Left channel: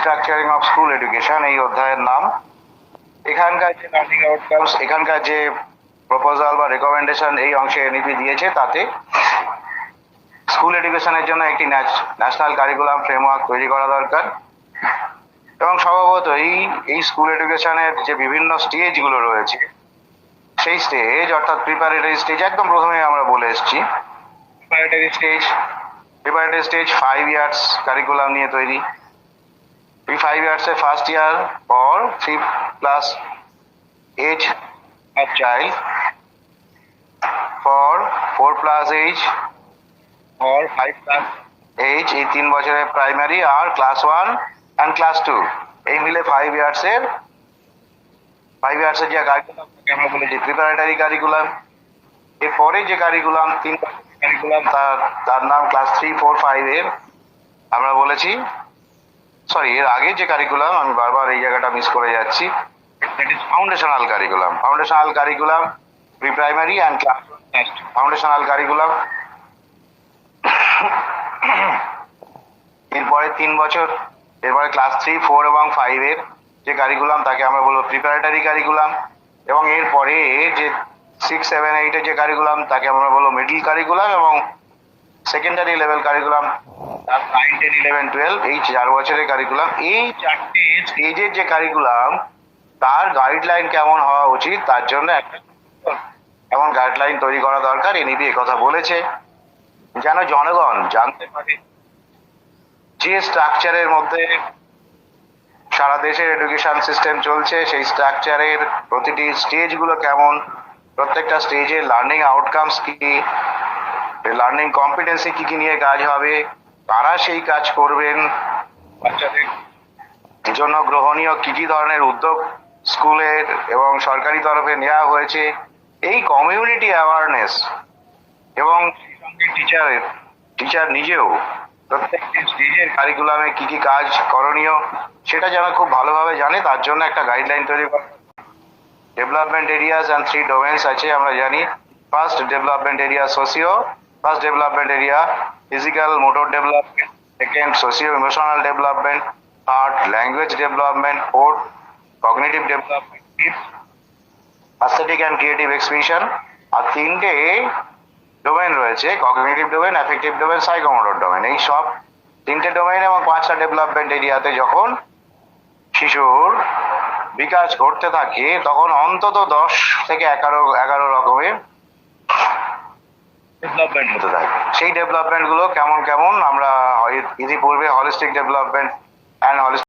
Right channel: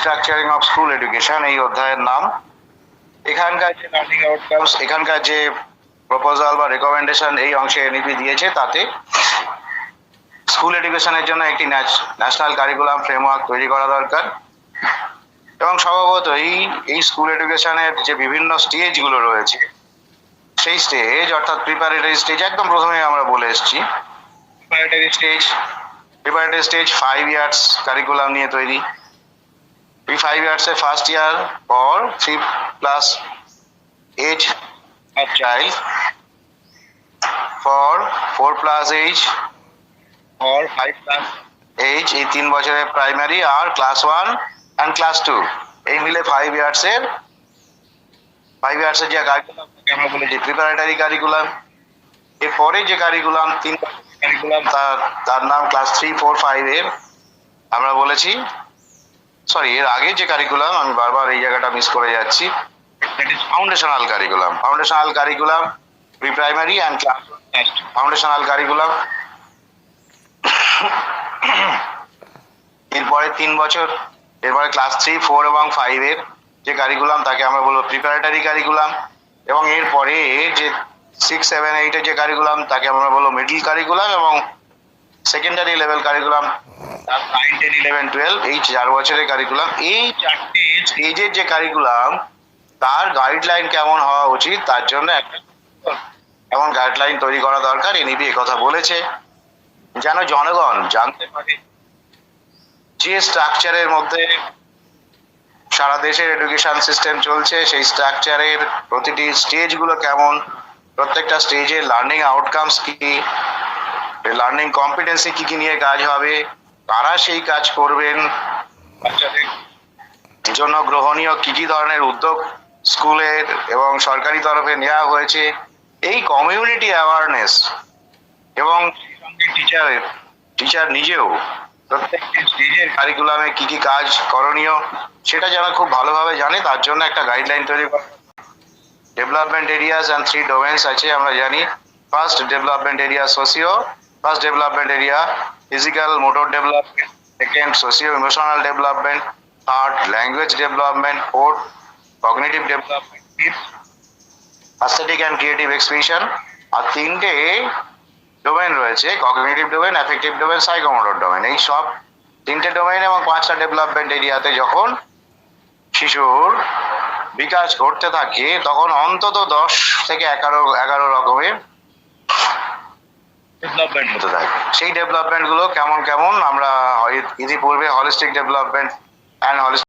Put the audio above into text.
Structuring of school education এই অধ্যায়ের নাম। এখানকার যে লার্নিং আউটকামস, এখানকার যে প্রপোজাল বা রেকমেন্ডেশন এই অংশে এনইপি দিয়েছে, তাতে স্কুল এডুকেশনের জন্য একটি ন্যাশনাল কারিকুলাম ফ্রেমওয়ার্ক তৈরি করা দরকার। এবং স্বভাবত এই স্কুল এডুকেশনের যে বিভিন্ন স্টেজগুলো রয়েছে, সেই স্টেজ অর্থাৎ প্রিপারেটরি স্টেজ, একদম প্রথমে আমরা বলে এসেছি প্রিপারেটরি স্টেজ 5 ইয়ার্স কারিকুলাম নিয়ে তৈরি। এই 5 ইয়ার্সের ফার্স্ট ইয়ার পর 3+ age of child, for 4+ age or 5+ age, এই 3 বছরের প্রাইমারি আর ক্লাস 1 and ক্লাস 2 এই মিলে 5 ইয়ার্সের যে কারিকুলাম আমরা বলেছি প্রিপারেটরি কারিকুলাম। এরপরে যে কারিকুলাম 3 কারিকুলাম তার নাম ক্লাস 3, 4, 5 এর আমরা বলেছি, সরি এর আগে যে কারিকুলাম, আমি বারবার এই জায়গাটা মিস করে যাচ্ছি, foundational curriculum pre primary and class foundational curriculum. এরপরে 3 বছর, এরপরে ক্লাস 3, 4 এবং 5 এর যে কারিকুলাম তাকে আমরা বলবো প্রিপারেটরি কারিকুলাম। এবং এরপরে যে 6, 7, 8 এর যে কারিকুলাম তাকে আমরা বলবো মিডল কারিকুলাম। এবং সেকেন্ডারি লেভেল কারিকুলাম 9, 10, 11, 12 এই 4 বছরের কারিকুলাম। এই 4টে স্টেজের যে কারিকুলাম তার গাইডলাইন কেমন হওয়া উচিত, তার জন্য একটা এমন গাইডলাইন তৈরি করা দরকার। এনইপি কথা বলেছে যেন জনগণ জানতে পারে যে স্ট্রাকচারের মধ্যে সারা দেশের এডুকেশন সিস্টেম চলছে, সেই স্ট্রাকচারের প্রতিটি স্টেজগুলো কেমন, প্রত্যেকটা স্টেজে লার্নিং আউটকামস কি, লার্নিং কম্পিটেন্সি কি কি নিয়ে কাজ হবে, কারা সেই কাজ করবেন, বাচ্চাদের জন্য গ্রহণীয় কি কি ধরনের উদ্যোগ স্কুলের এবং সরকারি তরফে নেওয়া হয়েছে, এই কমিউনিটি অ্যাওয়ারনেস। এবং টিচার নিজেও প্রত্যেকটি স্টেজের কারিকুলামে কি কি কাজ করণীয় সেটা যেন খুব ভালোভাবে জানে, তার জন্য একটা গাইডলাইন তৈরি করা। ডেভেলপমেন্ট এরিয়াস অ্যান্ড 3 ডোমেন্স আছে আমরা জানি। First development area first development area physical motor development, second socio emotional development, third language development, fourth cognitive development, fifth aesthetic and creative expression. আর 3টে ডোমেন রয়েছে, cognitive domain, affective domain, psychomotor domain. এই সব 3টে domain এবং 5টা development এরিয়াতে যখন শিশুর বিকাশ ঘটতে থাকে তখন অন্তত 10 থেকে 11 রকমের ডেভেলপমেন্ট হতে থাকে। সেই ডেভেলপমেন্ট গুলো কেমন কেমন আমরা ইতিপূর্বে হলিস্টিক ডেভেলপমেন্ট অ্যান্ড